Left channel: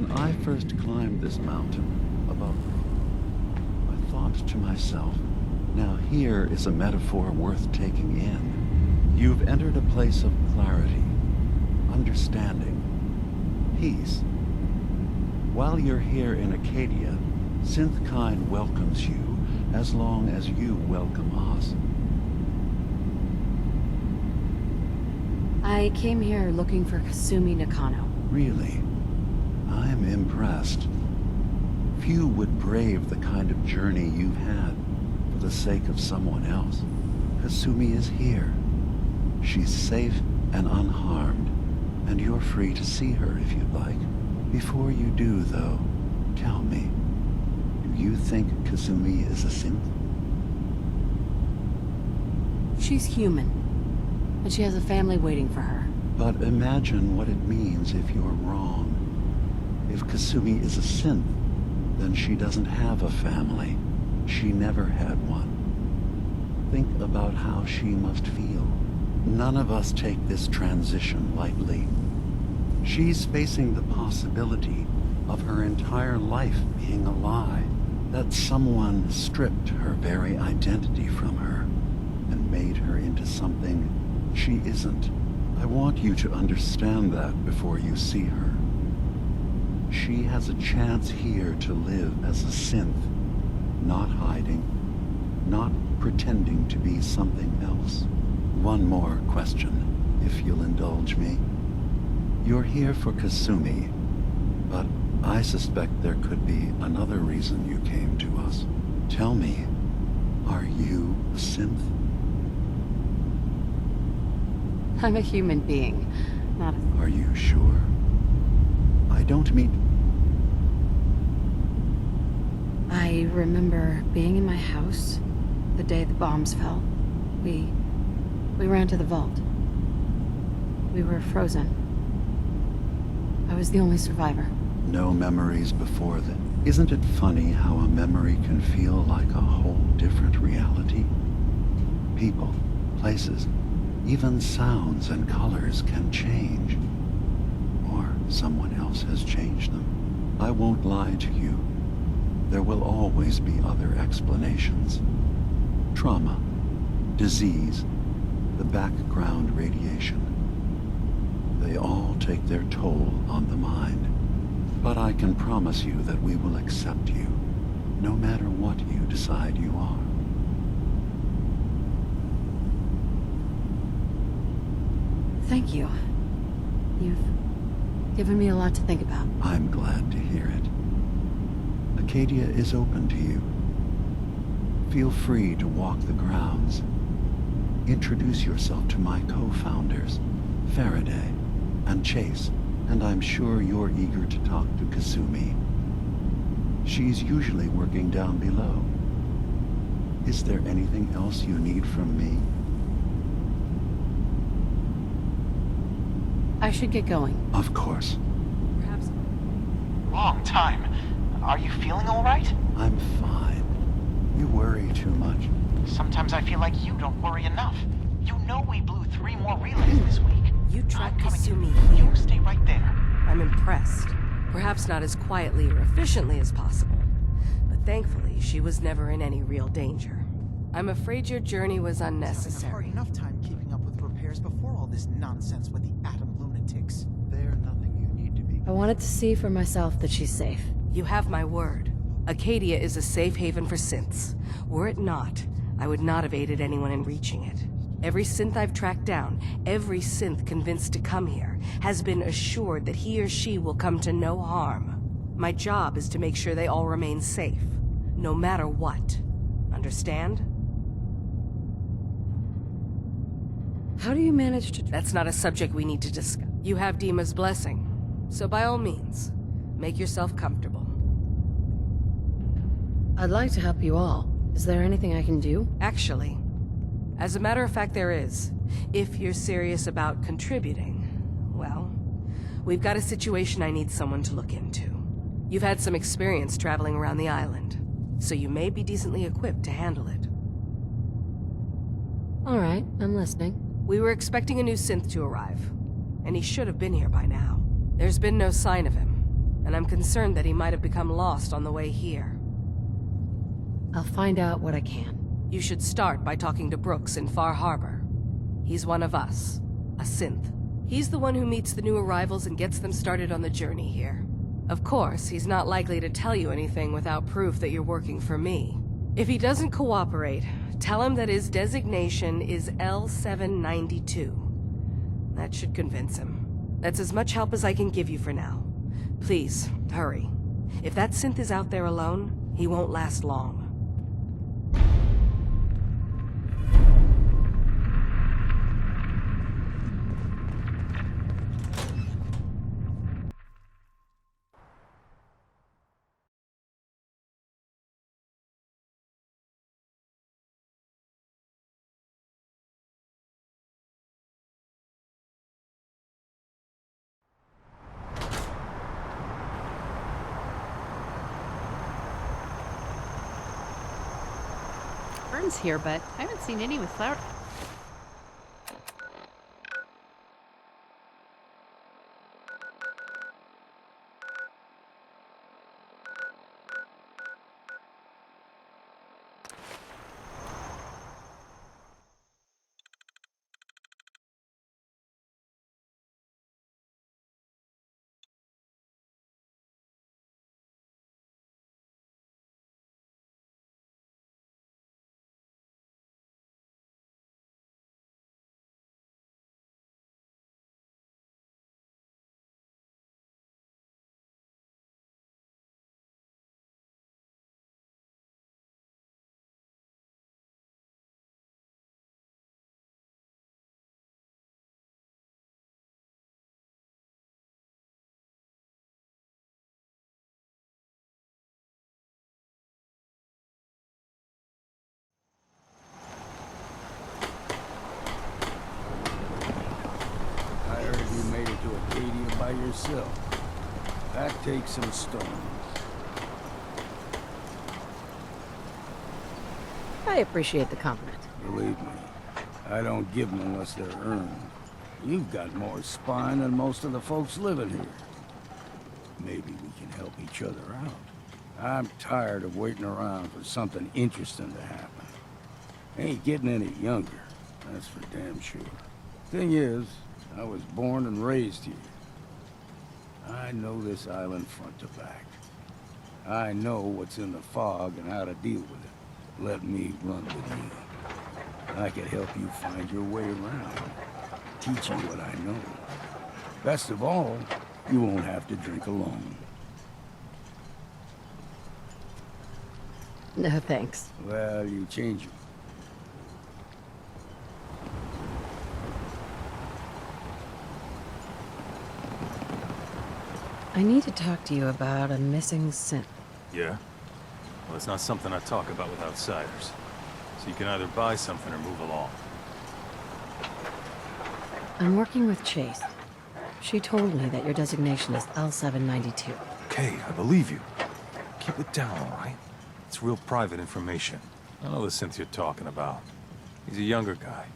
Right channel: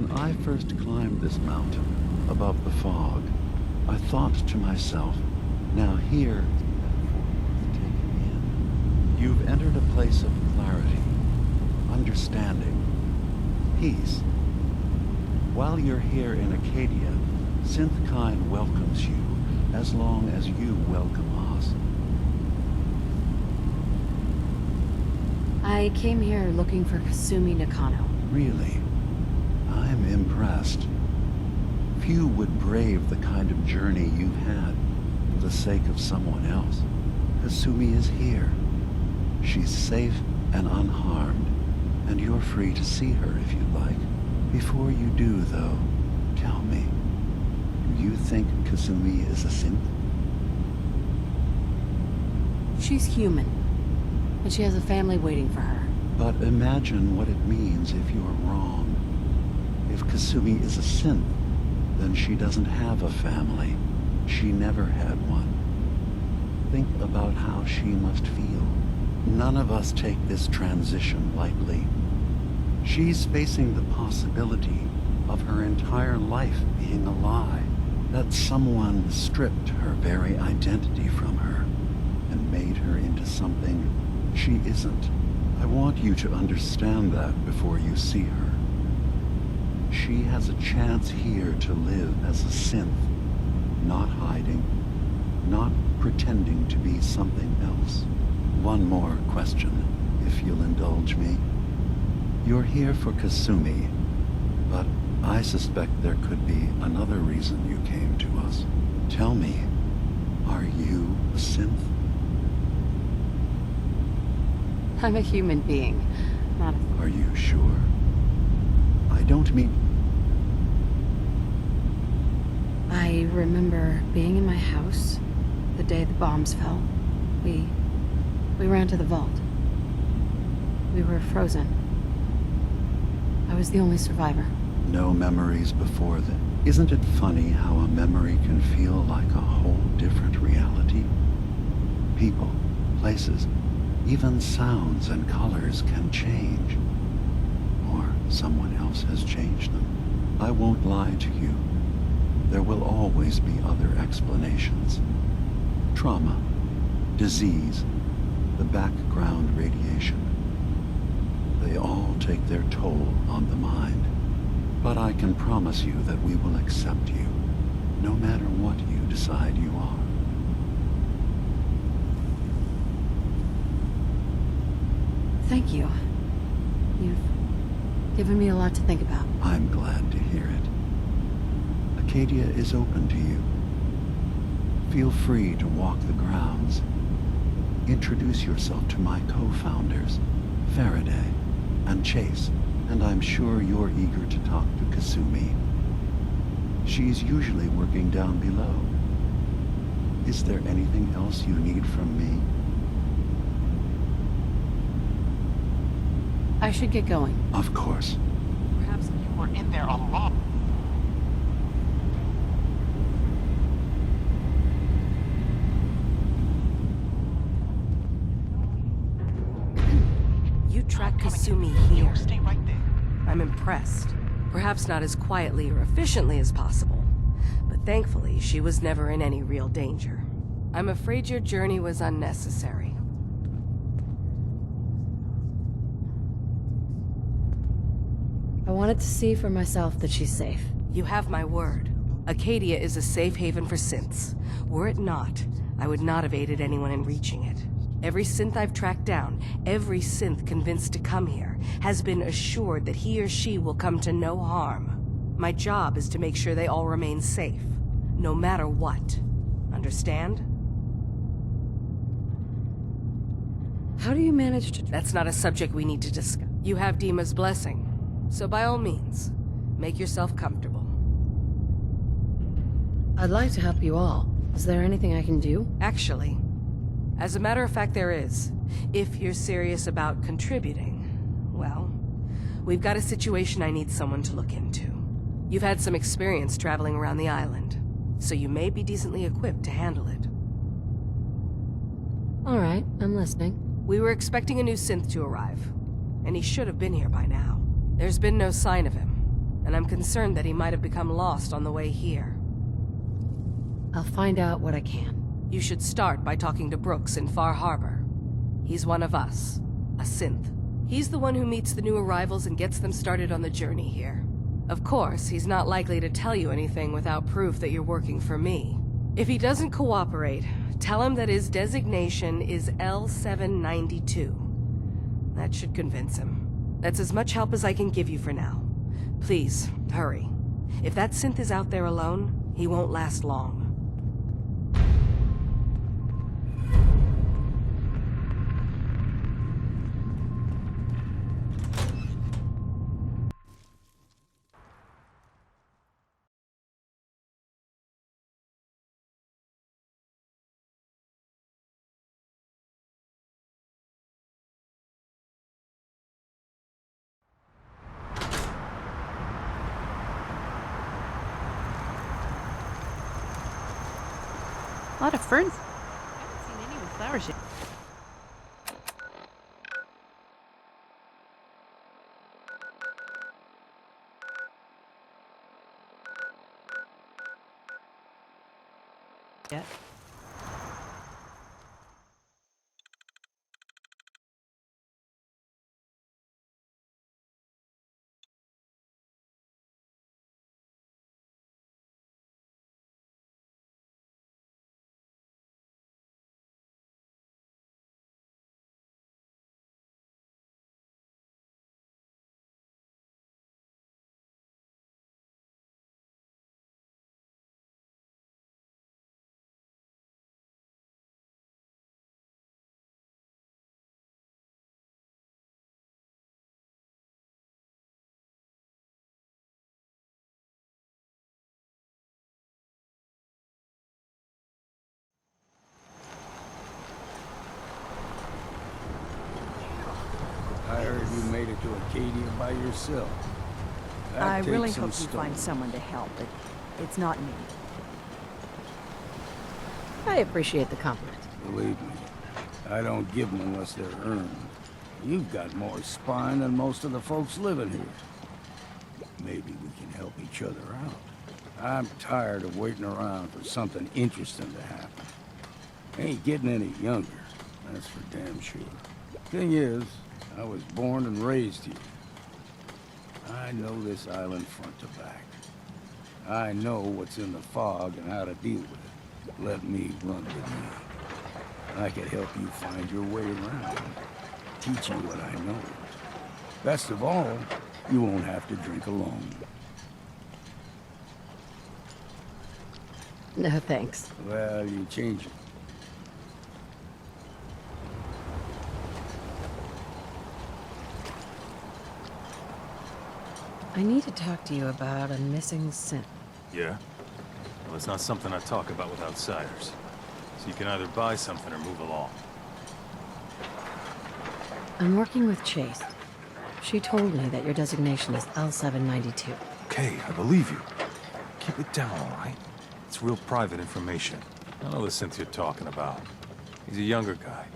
When I first climbed this mountain above the fog, I thought to myself, now here is a metaphor worth taking in. You've entered a place of clarity, understanding, peace. While you're here in Acadia, Synthkind welcomes you as long as you welcome us. I came here looking for Kasumi Nakano. Really? I'm impressed. Few would brave the kind of journey you've had for the sake of someone else. Kasumi is here. She's safe and unharmed, and you're free to see her if you'd like. Before you do, though, tell me, do you think Kasumi is a synth? She's human, and she has a family waiting for her. But imagine what it means if you're wrong. If Kasumi is a synth, then she doesn't have a family. She never had one. Think about how she must feel. None of us take this transition lightly. She's facing the possibility of her entire life being a lie, that someone stripped her very identity from her and made her into something she isn't. I want you to understand that before you see her. She has a chance here to live as a synth, not hiding, not pretending to be something else. One more question, if you'll indulge me. You're here for Kasumi, but I suspect there could be another reason you came to us. Tell me, are you a synth? I'm a human being, not a... Are you sure? I don't mean... I remember being in my house the day the bombs fell. We ran to the vault. We were frozen. I was the only survivor. No memories before that. Isn't it funny how a memory can feel like a whole different reality? People, places, even sounds and colors can change. Or someone else has changed them. I won't lie to you. There will always be other explanations. Trauma, disease, the background radiation. They all take their toll on the mind. But I can promise you that we will accept you, no matter what you decide you are. Thank you. You've given me a lot to think about. I'm glad to hear it. Acadia is open to you. Feel free to walk the grounds. Introduce yourself to my co-founders, Faraday and Chase, and I'm sure you're eager to talk to Kasumi. She's usually working down below. Is there anything else you need from me? I should get going. Of course. Perhaps you were in there a long time. Are you feeling all right? I'm fine. You worry too much. Sometimes I feel like you don't worry enough. You know we blew 3 more relays this week. You tracked I'm coming Kasumi in. here. You stay right there. I'm impressed. Perhaps not as quietly or efficiently as possible, but thankfully she was never in any real danger. I'm afraid your journey was unnecessary. Enough time keeping up with repairs before all this nonsense with the atom lunatics. There's nothing you need to be... I wanted to see for myself that she's safe. You have my word. Acadia is a safe haven for synths. Were it not, I would not have aided anyone in reaching it. Every synth I've tracked down, every synth convinced to come here, has been assured that he or she will come to no harm. My job is to make sure they all remain safe, no matter what. Understand? How do you manage to... That's not a subject we need to discuss. You have Dima's blessing, so by all means, make yourself comfortable. I'd like to help you all. Is there anything I can do? Actually, as a matter of fact, there is. If you're serious about contributing, well, we've got a situation I need someone to look into. You've had some experience traveling around the island, so you may be decently equipped to handle it. All right, I'm listening. We were expecting a new synth to arrive, and he should have been here by now. There's been no sign of him. and I'm concerned that he might have become lost on the way here. I'll find out what I can. You should start by talking to Brooks in Far Harbor. He's one of us, a synth. He's the one who meets the new arrivals and gets them started on the journey here. Of course, he's not likely to tell you anything without proof that you're working for me. If he doesn't cooperate, tell him that his designation is L792. That should convince him. That's as much help as I can give you for now. Please, hurry. If that synth is out there alone, he won't last long. A lot of ferns here, but I haven't seen any with flowers yet. Yeah. I heard you made it to Acadia by yourself. That I takes really some hope you storm. find someone to help. It's not me. I appreciate the compliment. Believe me, I don't give them unless they're earned. You've got more spine than most of the folks living here. Maybe we can help each other out. I'm tired of waiting around for something interesting to happen. Ain't getting any younger, that's for damn sure. Thing is, I was born and raised here. I know this island front to back. I know what's in the fog and how to deal with it. Let me run with you. I could help you find your way around. Teach you what I know. Best of all, you won't have to drink alone. No, thanks. Well, you change it. I need to talk to you about a missing synth. Yeah? Well, it's not something I talk about with outsiders. So you can either buy something or move along. I'm working with Chase. She told me that your designation is L792. Okay, I believe you. Keep it down, all right? It's real private information. I know the synth you're talking about. He's a younger guy.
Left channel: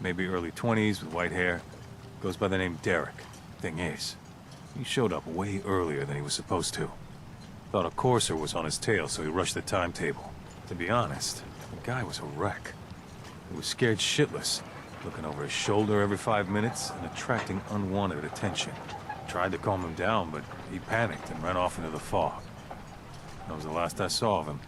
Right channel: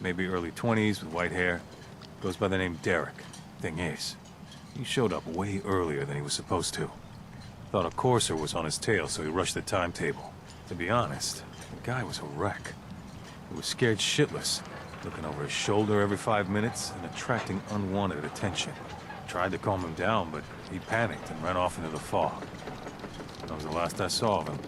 Maybe early 20s with white hair. Goes by the name Derek. Thing is, he showed up way earlier than he was supposed to. Thought a courser was on his tail, so he rushed the timetable. To be honest, the guy was a wreck. He was scared shitless, looking over his shoulder every 5 minutes and attracting unwanted attention. Tried to calm him down, but he panicked and ran off into the fog. That was the last I saw of him.